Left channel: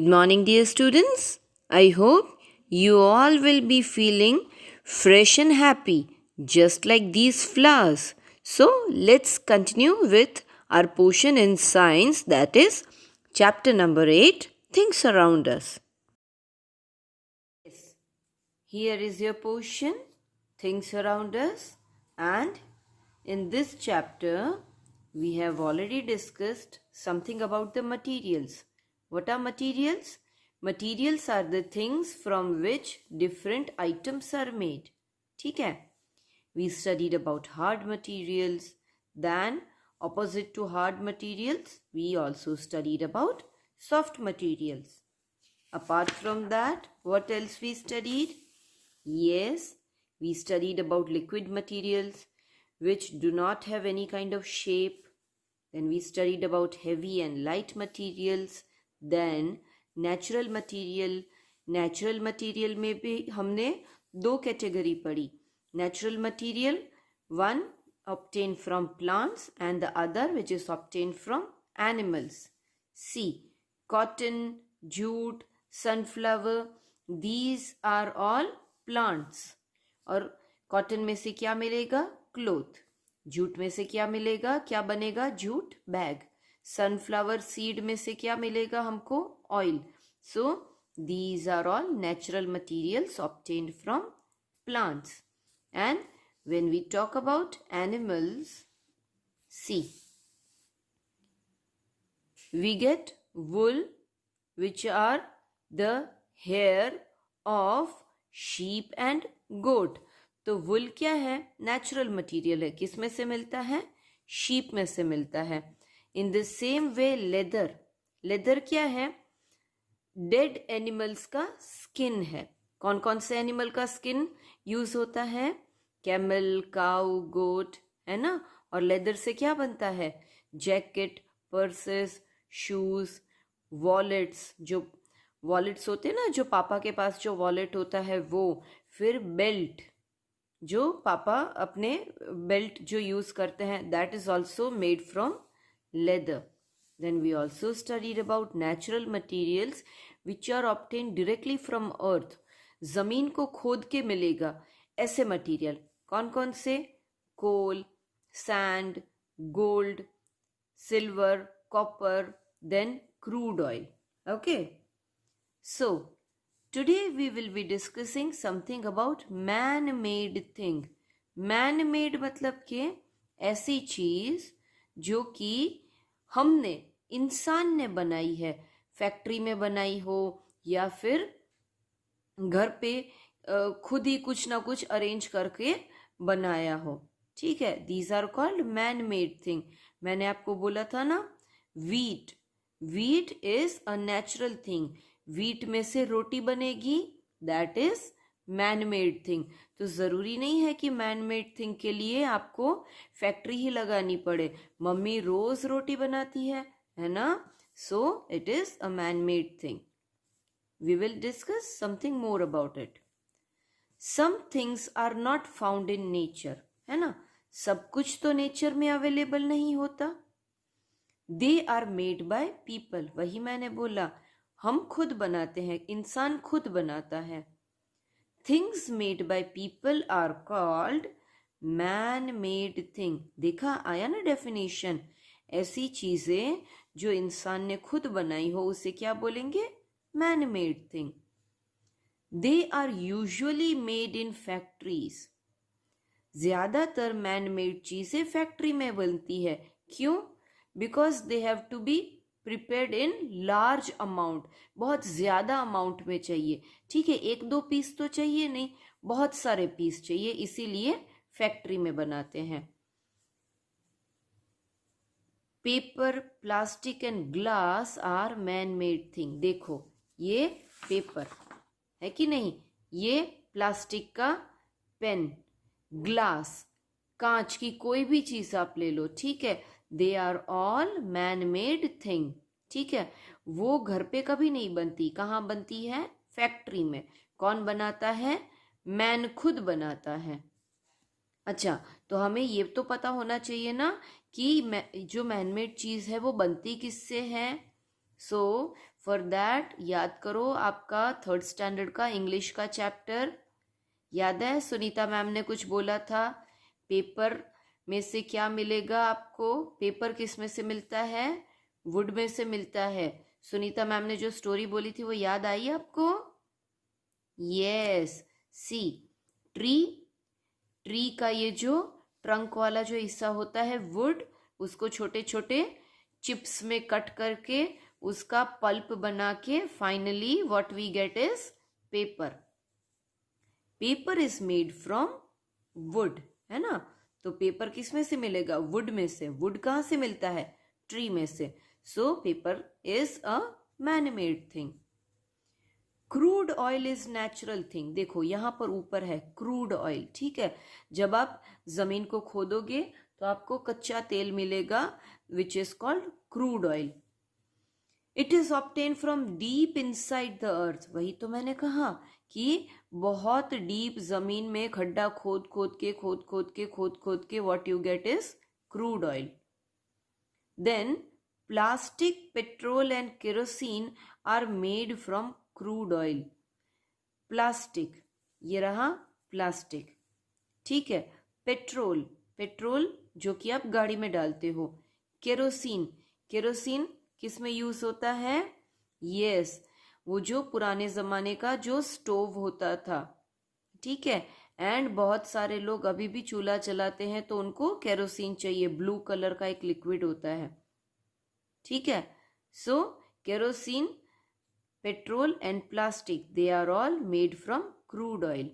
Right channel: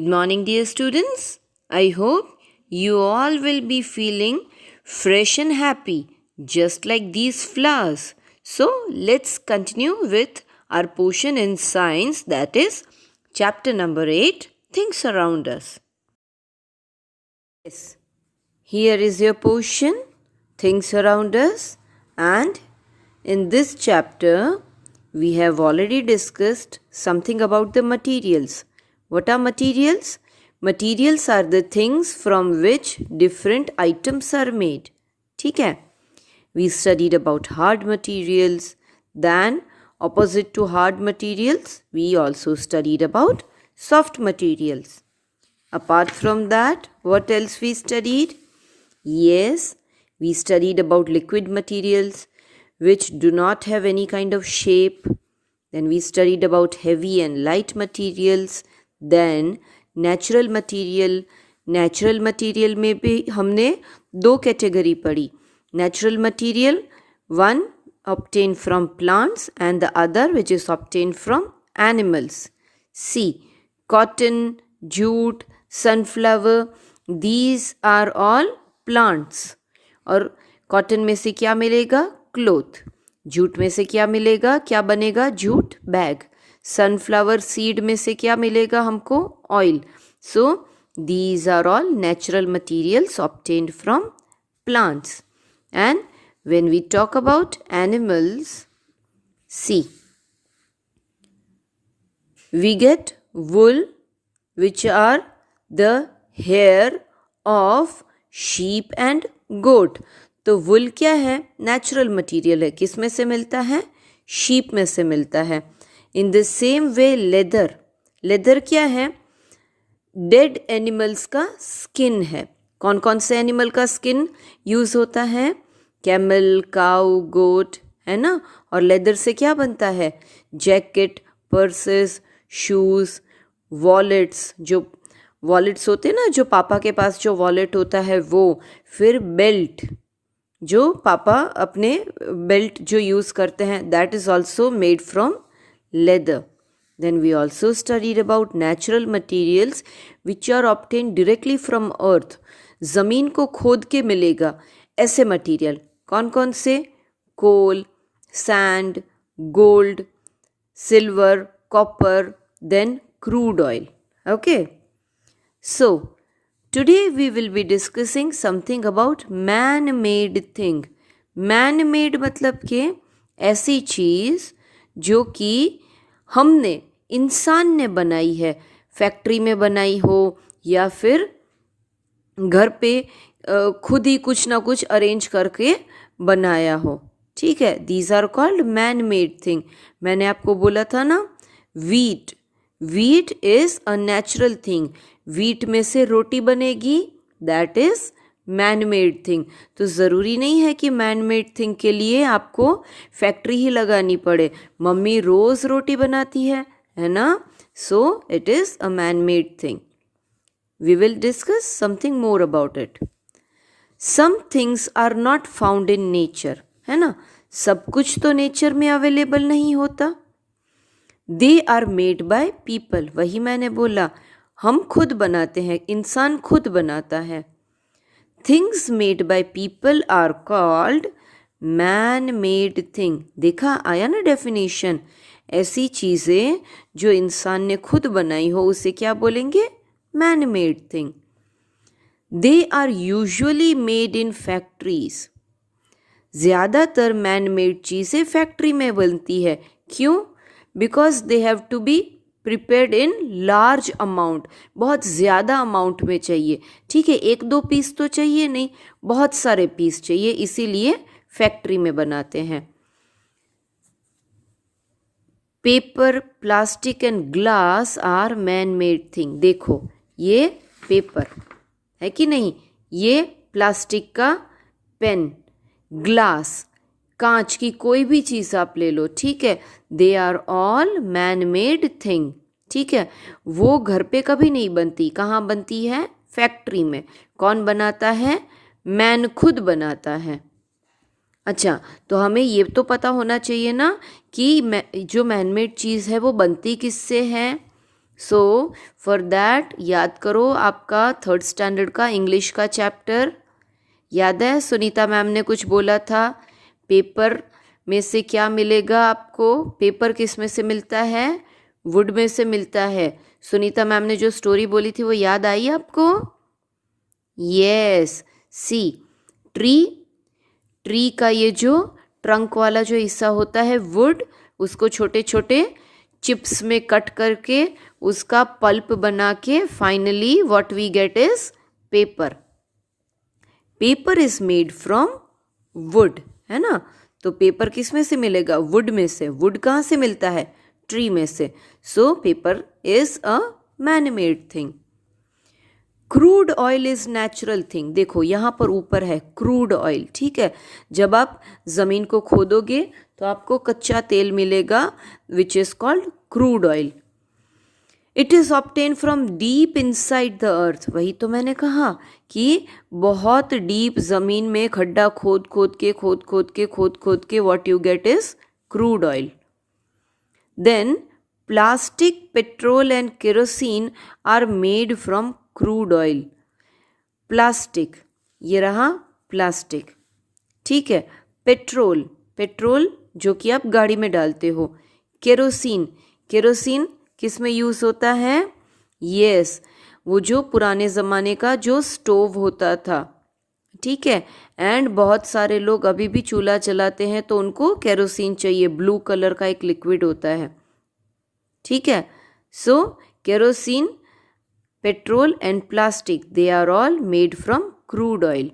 Good morning, dear students. I hope you all will be feeling fresh and happy, just like these flowers. So, let's continue with our portion in science, that is, chapter number 8 Things Around Us. Yes, here is your portion, Things Around Us, and in this chapter, we have already discussed something about the materials. What are materials? Materials are the things from which different items are made. ठीक है? We studied about hard materials. Then, opposite to hard materials, we also studied about soft materials. Apart from that, what else we studied? Yes, we studied about liquid materials which do not have any kind of shape. Then we studied about heavy and light materials. Then natural material. Natural material में भी हमने दो category पढ़ी. Natural material, one obtained from plants and the other which is obtained from animals. See, cotton, jute, sunflower, these are all plants. और cotton में से क्या मिलेगा? क्लोथ. जूट में से क्या मिलेगा? क्या बनेगा? Jute bag. सनफ्लावर सीड में से क्या मिलेगा हमको? Oil. So these are all natural materials obtained from plants. And when we talk about animals, see, we get wool, which are the hair of sheep and goat. तो वुल क्या है? Natural material है. किस में से मिलता है? शीप में से मिलता है. In the same way leather, leather क्या है? डेड एनिमल्स का स्किन है. कौन कौन से एनिमल का स्किन यूज़ होता है? कैमल, काउ, गोट, है ना. और लेदर से क्या बनता है? Jacket, purses, shoes, wallets. जो वॉलेट्स होते हैं ना, जो पापा के पास जो वॉलेट होता है वो. फिर बेल्ट, जो पापा अपने बेल्ट जो यूज़ करते हैं, that is also made from leather. Then we also studied about natural materials which are obtained directly from earth. ज़मीन को खोद के मिलेगा ऐसे मटीरियल. कौन कौन से? Coal, sand, gold, silver, copper, then crude oil. Okay. So, today we will be discussing something about man-made thing. Man-made मतलब कि ऐसी चीज़ जो कि हमने, इंसान ने बनाई है. फैक्ट्री में बनाई हो या फिर घर पे खुद ही कुछ ना कुछ अरेंज करके बनाया हो. ठीक है. These are called man made thing. मैंने आपको बोला था ना, wheat. Wheat is a natural thing. वीट में से रोटी बनेगी, that is man made thing. तो ज़रूरी नहीं है कि मैन मेड थिंग के लिए आपको फैक्ट्री ही लगानी पड़े. मम्मी रोज़ रोटी बनाती है ना. So it is a man made thing. We will discuss something more about it. Some things are not found in nature, है ना. सब कुछ तो नेचर में अवेलेबल नहीं होता. They are made by people. वही मैंने बोला, हम खुद बनाते हैं, इंसान खुद बनाता है. Things made by people are called man made thing. देखा, आया ना डेफिनेशन. ऐसी चीज़ें जो इंसान ने खुद बनाई हो उसे क्या बोलेंगे? Man made thing. They are usually made in factories. ज़्यादातर मैन मेड चीज़ें फैक्ट्री में बनती है. क्यों? Because they have to be prepared in large amount. बहुत ज़्यादा अमाउंट में चाहिए. ठीक है, एक दो पीस तो चाहिए नहीं, बहुत सारे पीस चाहिए, इसीलिए फैक्ट्री में बनाते हैं. Paper, plastic and glass are man made thing. देखो, ये पेपर है कि नहीं, ये प्लास्टिक का पेन, ग्लास, कांच की कोई भी चीज़ आप ले लो. ठीक है, they are all man made thing. ठीक है, वो घर पे कभी नहीं बनती. कहाँ बनती है? फैक्ट्री में. कौन बनाता है? मैन खुद बनाता है. अच्छा, तो हमें ये तो पता होना चाहिए ना कि जो मैनमेड चीज़ है वो बनती किससे है? सो फॉर दैट याद करो आपका 3rd स्टैंडर्ड का इंग्लिश का चैप्टर। याद है सुनीता मैम ने कुछ बोला था, पेपर में से क्या मिलेगा आपको? पेपर किस में से मिलता है? वुड में से मिलता है। सुनीता मैम ने जो स्टोरी बोली थी वो याद आई आपको? यस, सी ट्री का ये जो ट्रंक वाला जो हिस्सा होता है वुड, उसको छोटे छोटे चिप्स में कट करके उसका पल्प बना के finally what we get is paper. Paper is made from wood, है ना? तो पेपर किस में से मिलेगा? वुड में से। वुड कहाँ से मिलता है? ट्री में से। So paper is a man made thing. Crude oil is natural thing. देखो यहाँ पर ऊपर है क्रूड ऑयल, ठीक है? जब आप ज़मीन को खोदोगे तो आपको कच्चा तेल मिलेगा which is called crude oil. It is obtain from deep inside the earth. वही तो मैंने कहा कि बहुत डीप ज़मीन में खड्डा खोद खोद के what you get is crude oil. Then plastic, petrol and kerosene are made from crude oil. Plastic, ये रहा प्लास्टिक, ठीक है? पेट्रोल जो कि आप गाड़ी में डालते हो। केरोसिन किस में यूज़ होता है? यस, वो जो पुराने ज़माने का जो स्टोव होता था, ठीक है? एंड बहुत सारे लोग अभी भी चूल्हा जलाते हैं तो उनको केरोसिन चाहिए, ब्लू कलर का एक लिक्विड होता है, ठीक है? So kerosene, petrol and plastic, they are all made from crude oil.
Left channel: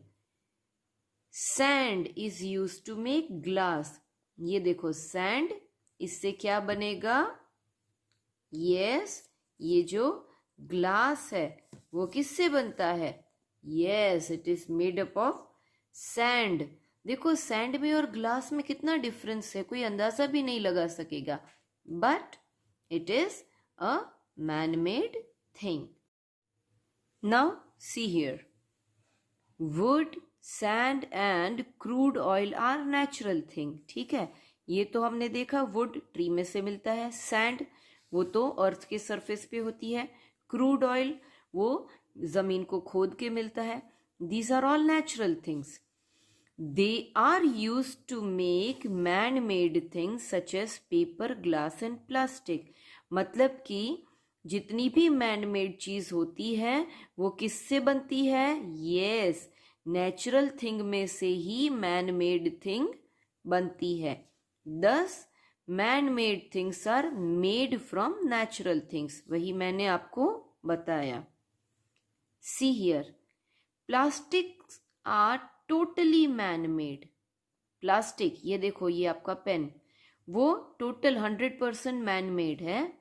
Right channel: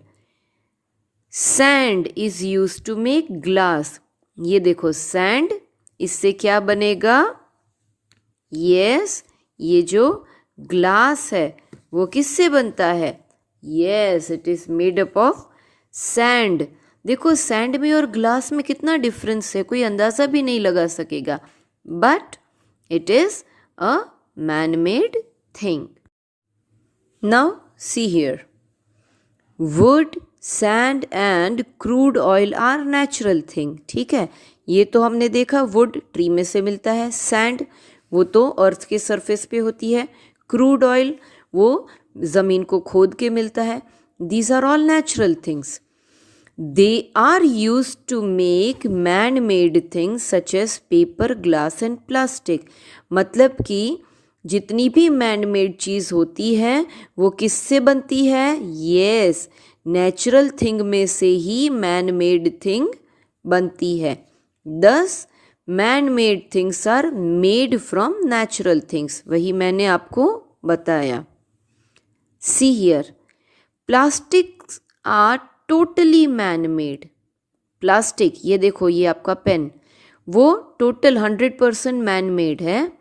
Sand is use to make glass. ये देखो सैंड, इससे क्या बनेगा? यस, ये जो ग्लास है वो किससे बनता है? Yes, it is made up of sand. देखो सैंड में और ग्लास में कितना डिफरेंस है, कोई अंदाज़ा भी नहीं लगा सकेगा, but it is a man made thing. Now see here, wood, sand and crude oil are natural thing, ठीक है? ये तो हमने देखा, वुड ट्री में से मिलता है, सैंड वो तो अर्थ के सरफेस पे होती है, क्रूड ऑयल वो ज़मीन को खोद के मिलता है। These are all natural things. They are use to make man made things such as paper, glass and plastic. मतलब कि जितनी भी मैन मेड चीज़ होती है वो किससे बनती है? यस, नेचुरल थिंग में से ही मैन मेड थिंग बनती है। Thus man made things are made from natural things, वही मैंने आपको बताया। See here, plastics are totally man made. Plastic, ये देखो ये आपका पेन, वो टोटल 100% मैन मेड है।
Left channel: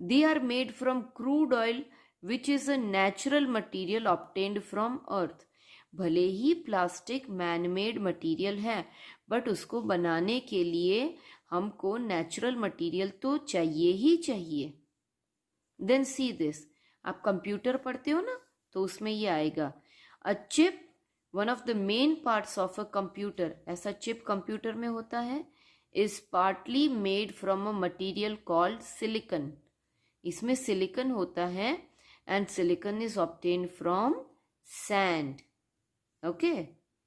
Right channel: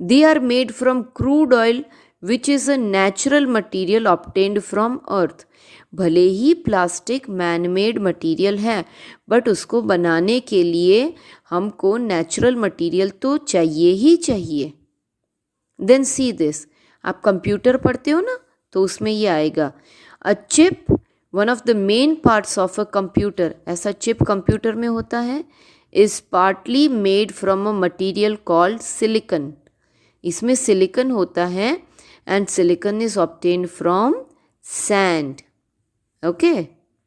They are made from crude oil which is a natural material obtained from earth. भले ही प्लास्टिक मैन मेड मटीरियल है, बट उसको बनाने के लिए हमको नेचुरल मटीरियल तो चाहिए ही चाहिए। देन सी दिस, आप कंप्यूटर पढ़ते हो ना तो उसमें ये आएगा, a chip, one of the main parts of a computer. ऐसा चिप कंप्यूटर में होता है, is partly made from a material called silicon. इसमें सिलिकन होता है and silicon is obtained from sand, okay?